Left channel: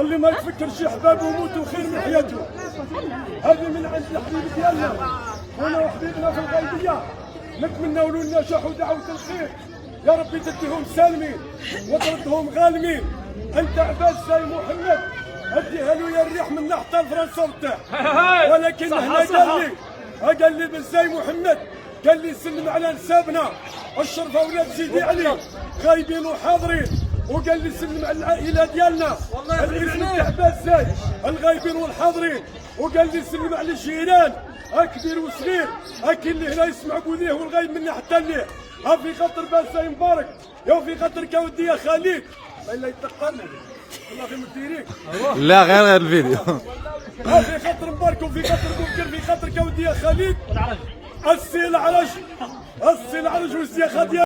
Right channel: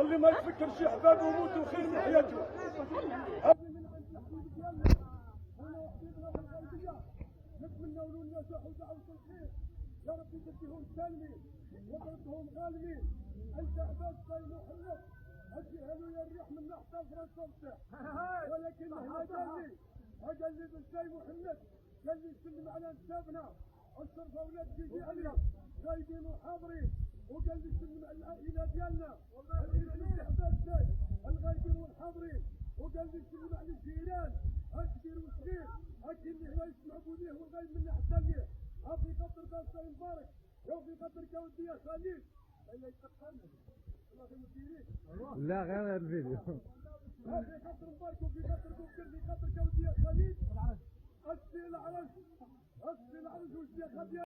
اللي ما يتفكرش احبابه يموتوا خير من حياته. هذه من عند الحبيب ديالنا خونا وحبيبنا في الغيبيه، نتمنوا له النجاح ودعوه الخير، يا ربي تديهم سالمين وتردهم غالمين. انت عباس زي محمد اديها له يا الريح من حتى لفرنسا وتاع، ولكن هنا قال لي بالزي محمد قال لي سلم على نسابنا الشرف اولاد سيدي علي غايبين وحاضرين، وقال لي سلم على العائله ديالنا الاسم تاع عباس زاي الغايبين والحاضرين، وقال لي سلم على الجيران كبير وصغير اكل اللي هنا يسمع بوذيه والغايب منا حتى ليه. ها في خاطر باس زاي مبارك يا في خاطر كودي يا خليل الا يتقلنا والله في مديريك لا غير الفيديو. ها في خاطر مبارك وفي خاطر بكر في خاطر كودي يا خليل السي العرج والسي خديجه